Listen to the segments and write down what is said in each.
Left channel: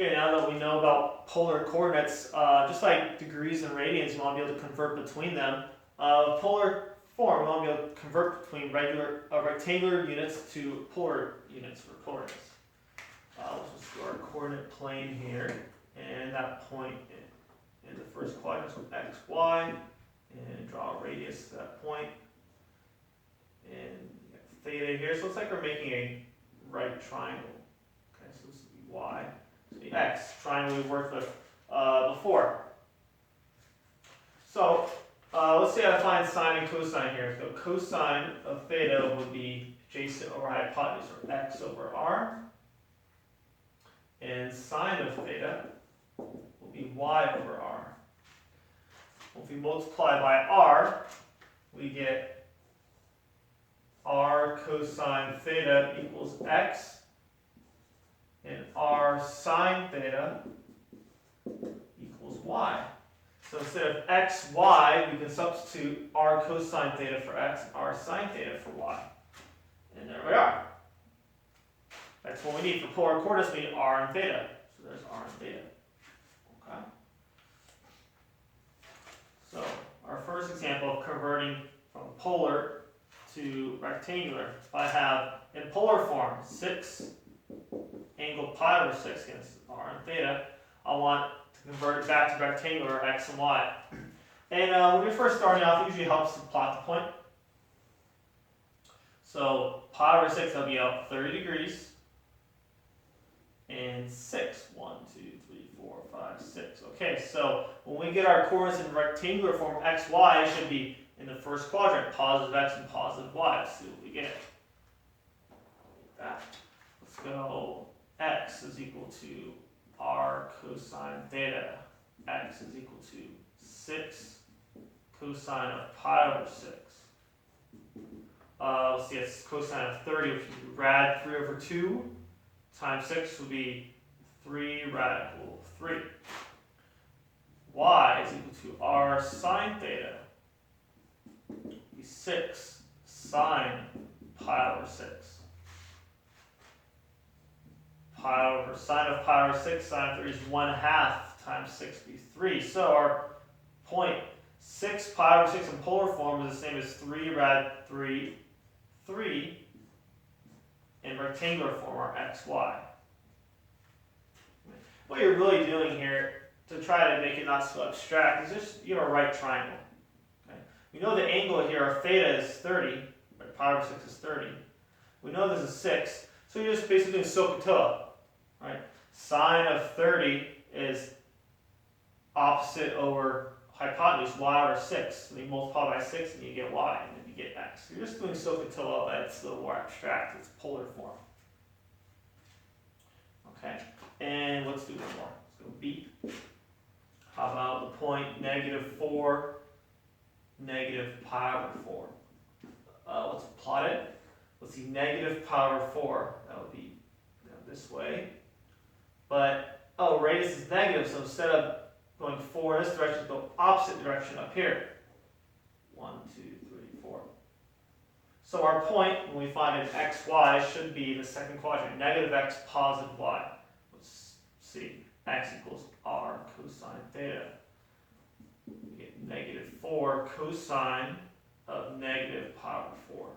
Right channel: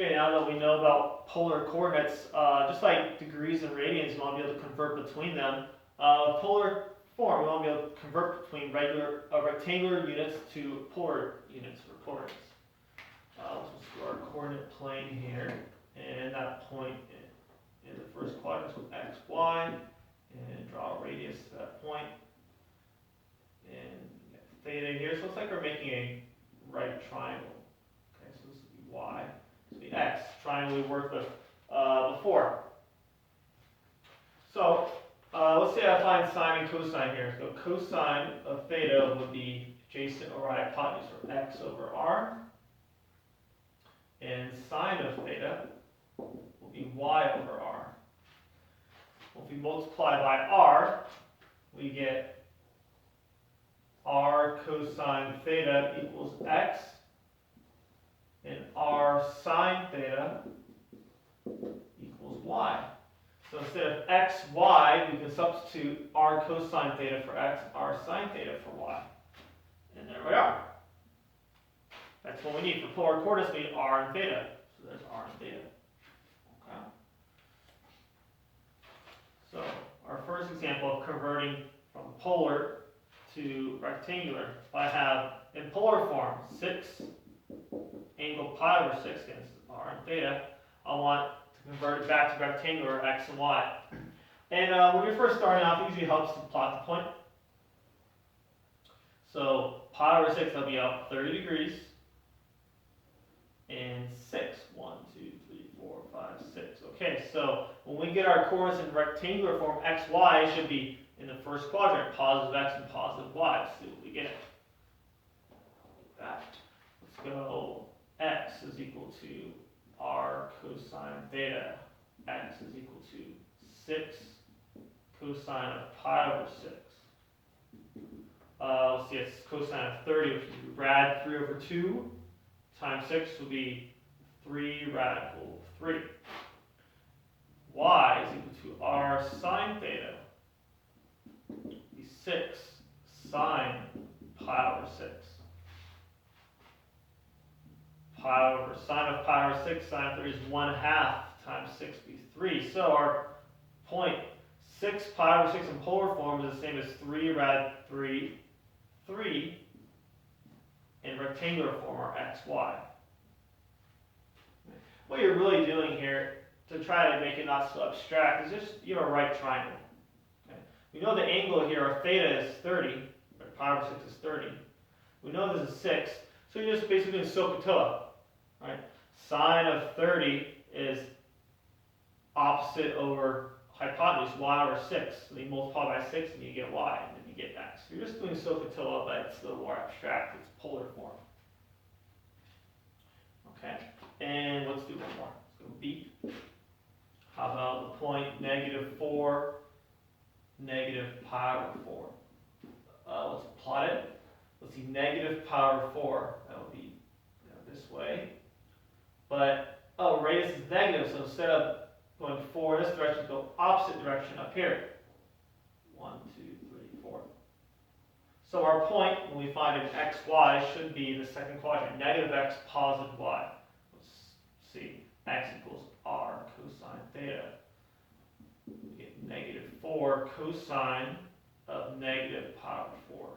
Okay, now that we know about polar coordinates, just like degrees and radians, we want to be able to convert between them. Polar form, we want to be able to convert between rectangular units to polar units for coordinates. Let's just do our coordinate plane here, and that point in the first quadrant is x, y, and draw a radius to that point. And theta here, so it's like we're making a right triangle. Okay, so this would be y. The x triangle we worked with before. So let's say I find sine and cosine here. So cosine of theta would be adjacent over hypotenuse, or x over r. And sine of theta will be y over r. Well, if we multiply by r, we get r cosine theta equals x, and r sine theta equals y. So instead of x, y, we can substitute r cosine theta for x, r sine theta for y. And there we are. That's what we need for polar coordinates. We need r and theta. So there's r and theta. Okay. So our first example of converting from polar to rectangular, if I have in polar form 6 angle pi over 6 against r and theta, I want to convert it back to rectangular x and y. And when you're first starting off, it usually helps to plot the point. So pi over 6, that'll be up 30 degrees. And 6. 1, 2, 3, 4, 5, 6. Okay, so when we get our coordinates in rectangular form, x, y should be in the first quadrant, positive x and positive y. Let's see what we get. That. Let's go. X is equal to r cosine theta. X is equal to 6 cosine of pi over 6. Let's see, it's cosine of 30, which would be rad 3 over 2 times 6 would be 3 radical 3. Y is equal to r sine theta. Be 6 sine pi over 6. Pi over sine of pi over 6, sine of 3 is 1/2 times 6 be 3. So our point 6 pi over 6 in polar form is the same as 3 rad 3, 3 in rectangular form, or xy. What you're really doing here to try to make it not so abstract is just, you have a right triangle. Okay? We know the angle here, our theta is 30, right? Pi over 6 is 30. We know this is 6, so you're just basically doing SOHCAHTOA, right? Sine of 30 is opposite over hypotenuse, y over 6. So you multiply by 6 and you get y, and then you get x. So you're just doing SOHCAHTOA, but it's a little more abstract. It's polar form. Okay, and let's do one more. Let's go B. How about the point -4, pi over 4? Let's plot it. Let's see, -pi over 4. That would be this way. But, oh, radius is negative, so instead of going 4 in this direction, go opposite direction up here. 1, 2, 3, 4. So our point, when we find an x, y, should be the second quadrant, -x, positive y. Let's see, x equals r cosine theta. We get -4 cosine of pi over 4.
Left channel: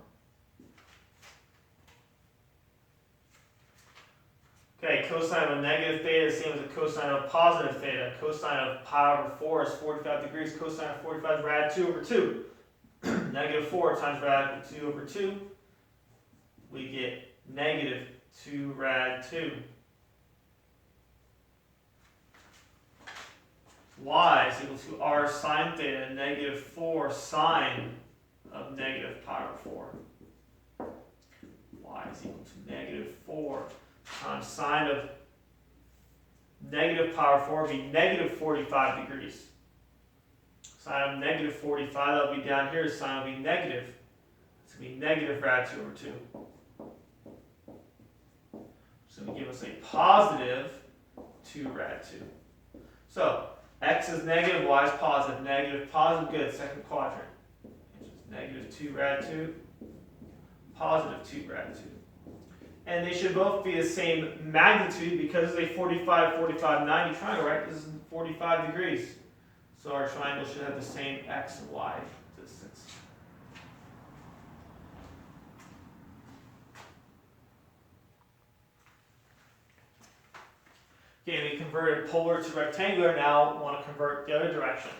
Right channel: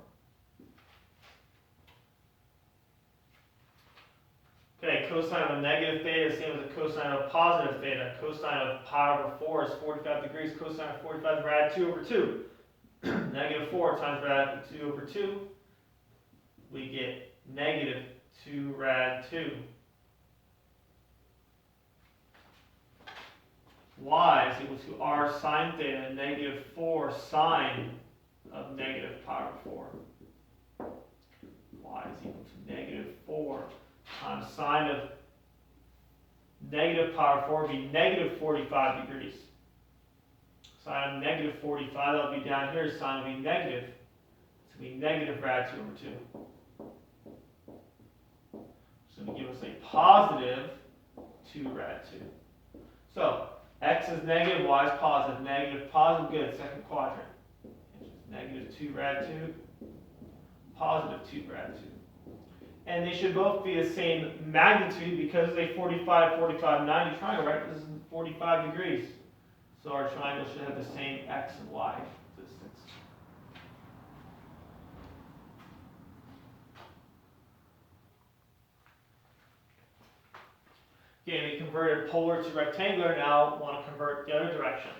Okay, cosine of negative theta is the same as a cosine of positive theta. Cosine of pi over 4 is 45 degrees. Cosine of 45 is rad 2 over 2. -4 times rad 2 over 2. We get -2 rad 2. Y is equal to r sine theta, -4 sine of pi over 4. Y is equal to -4 times sine of pi over 4 would be -45 degrees. Sine of -45, that would be down here, sine would be negative. It's going to be -rad 2 over 2. So going to give us a positive 2 rad 2. So x is negative, y is positive. Negative, positive, good, second quadrant. Which is -2 rad 2, positive 2 rad 2. and they should both be the same magnitude because it's a 45, 45, 90 triangle, right? This is 45 degrees. So our triangle should have the same x and y distance. Okay, we converted polar to rectangular, now want to convert the other direction.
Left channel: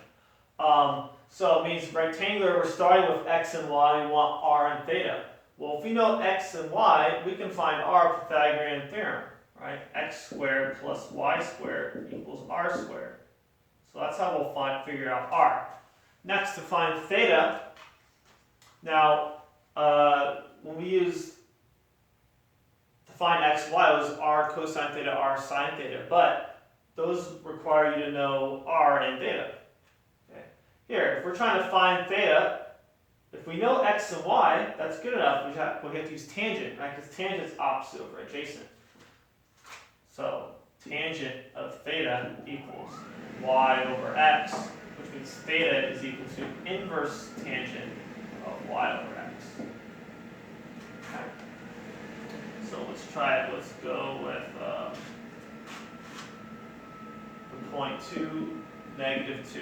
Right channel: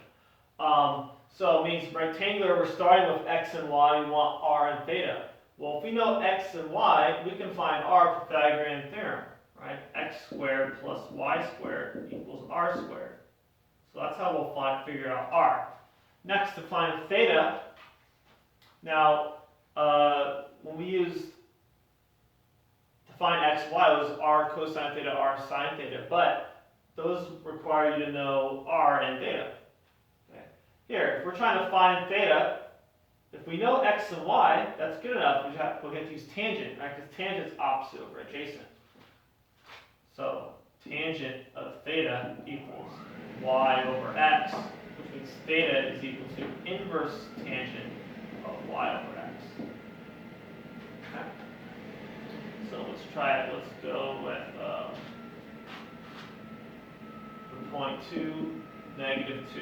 So it means rectangular, we're starting with x and y, we want r and theta. Well, if we know x and y, we can find our Pythagorean theorem, right? X squared plus y squared equals r squared. So that's how we'll figure out r. Next, to find theta, now, when we use to find x, y, it was r cosine theta, r sine theta, but those require you to know r and theta. Okay. Here, if we're trying to find theta, if we know x and y, that's good enough. We have to use tangent, right? Because tangent's opposite over adjacent. So tangent of theta equals y over x, which means theta is equal to inverse tangent of y over x. Okay. So let's try it. Let's go with the point 2, negative 2.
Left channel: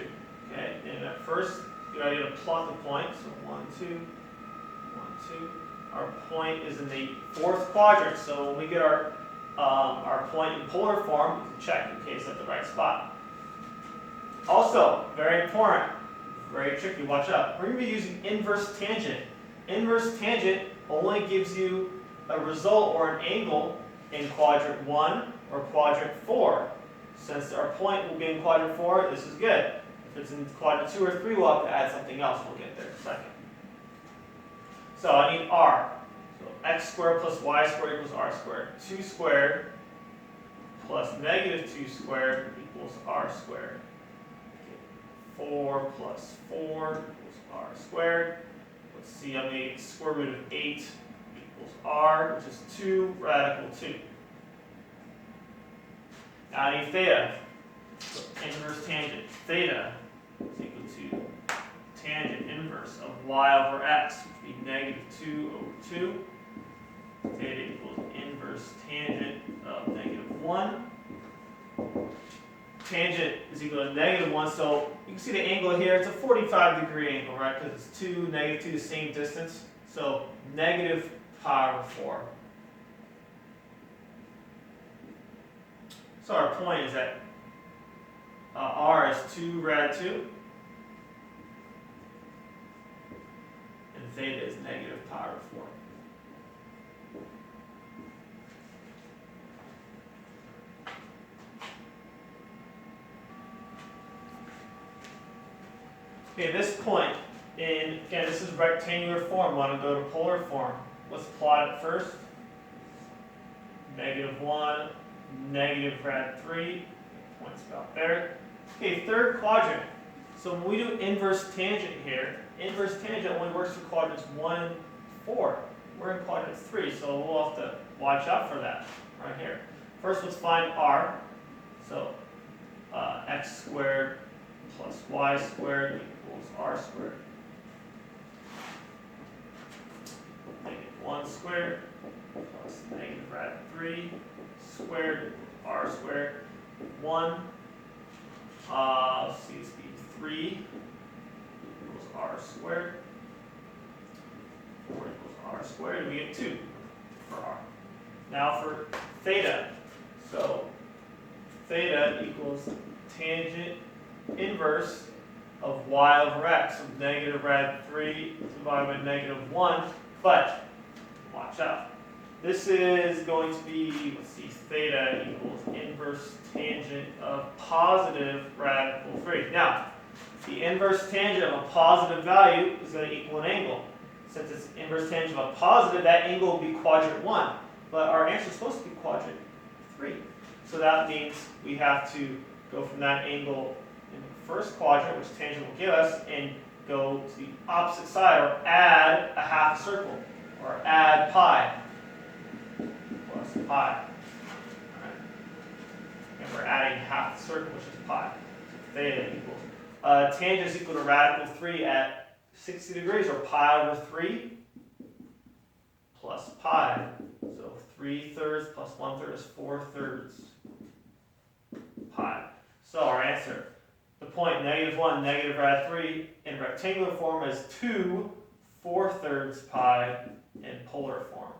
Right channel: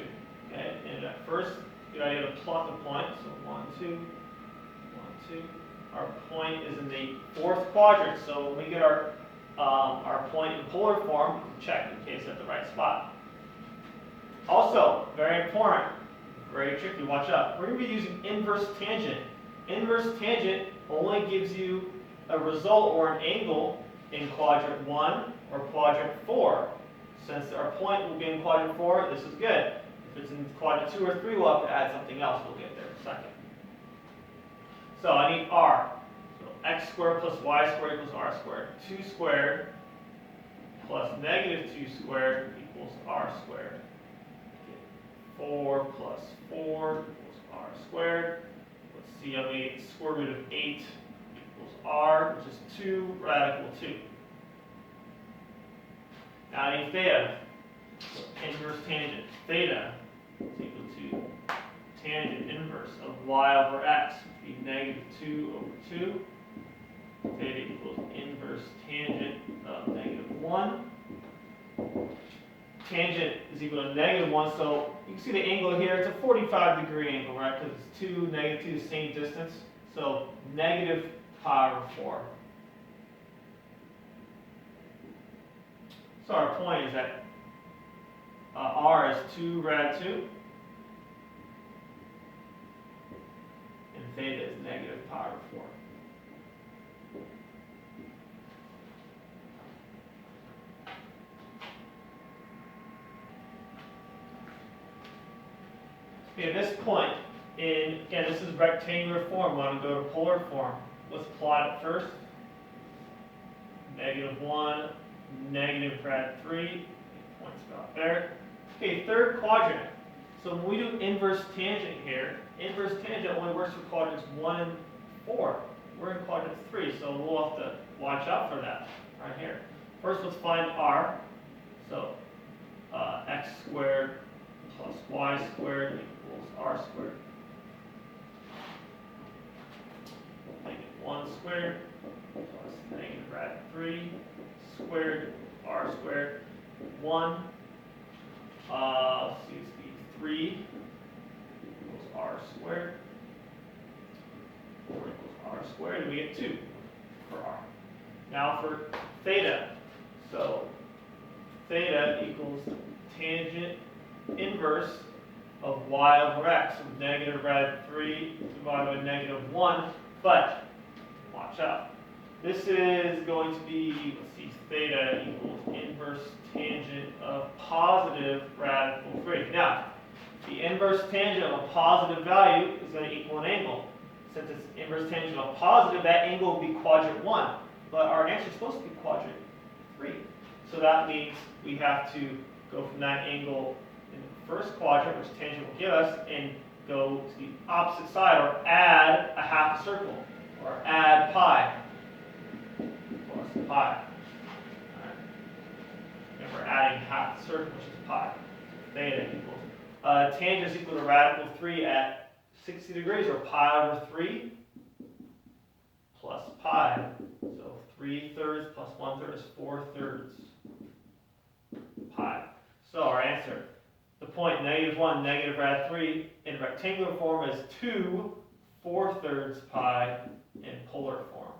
Okay, and at first, good idea to plot the point. So 1, 2, 1, 2. Our point is in the fourth quadrant. So when we get our point in polar form, we can check in case it's at the right spot. Also, very important, very tricky. Watch out. We're going to be using inverse tangent. Inverse tangent only gives you a result or an angle in quadrant 1 or quadrant 4. Since our point will be in quadrant 4, this is good. If it's in quadrant 2 or 3, we'll have to add something else. We'll get there in a second. So I need r. So x squared plus y squared equals r squared. 2 squared plus negative 2 squared equals r squared. 4 plus 4 equals r squared. Let's see, on the square root of 8 equals r, which is 2 radical 2. Now I need theta. So inverse tangent. Theta is equal to tangent inverse of y over x, which would be negative 2 over 2. Theta equals inverse tangent of negative 1. Tangent is equal to negative 1, so you can see the angle here. It's a 45-degree angle, right? Because it's 2, negative 2, the same distance. So negative pi over 4. So our point is that r is 2 rad 2, and theta is negative pi over 4. Okay, this point, again, this is rectangular form. We want to go to polar form. Let's plot it first. Negative 1, negative rad 3. Point's about there. Okay, third quadrant. So when we do inverse tangent here, inverse tangent only works for quadrants 1 and 4. We're in quadrant 3, so we'll have to watch out for that right here. First, let's find r. So x squared plus y squared equals r squared. Negative 1 squared plus negative rad 3 squared r squared. 1, let's see, it's the 3 equals r squared. 4 equals r squared, and we get 2 for r. Now for theta. So theta equals tangent inverse of y over x, so negative rad 3 divided by negative 1, but watch out. This is going to be, let's see, theta equals inverse tangent of positive radical 3. Now, the inverse tangent of a positive value is going to equal an angle. Since it's inverse tangent of a positive, that angle will be quadrant 1. But our answer is supposed to be quadrant 3. So that means we have to go from that angle in the first quadrant, which tangent will give us, and go to the opposite side, or add a half circle, or add pi plus pi. Alright. And we're adding half the circle, which is pi. Theta equals. Tangent is equal to radical 3 at 60 degrees, or pi over 3 plus pi. So 3/3 plus 1/3 is 4/3 pi. So our answer, the point -1, -rad3 in rectangular form is 2 4/3 pi in polar form.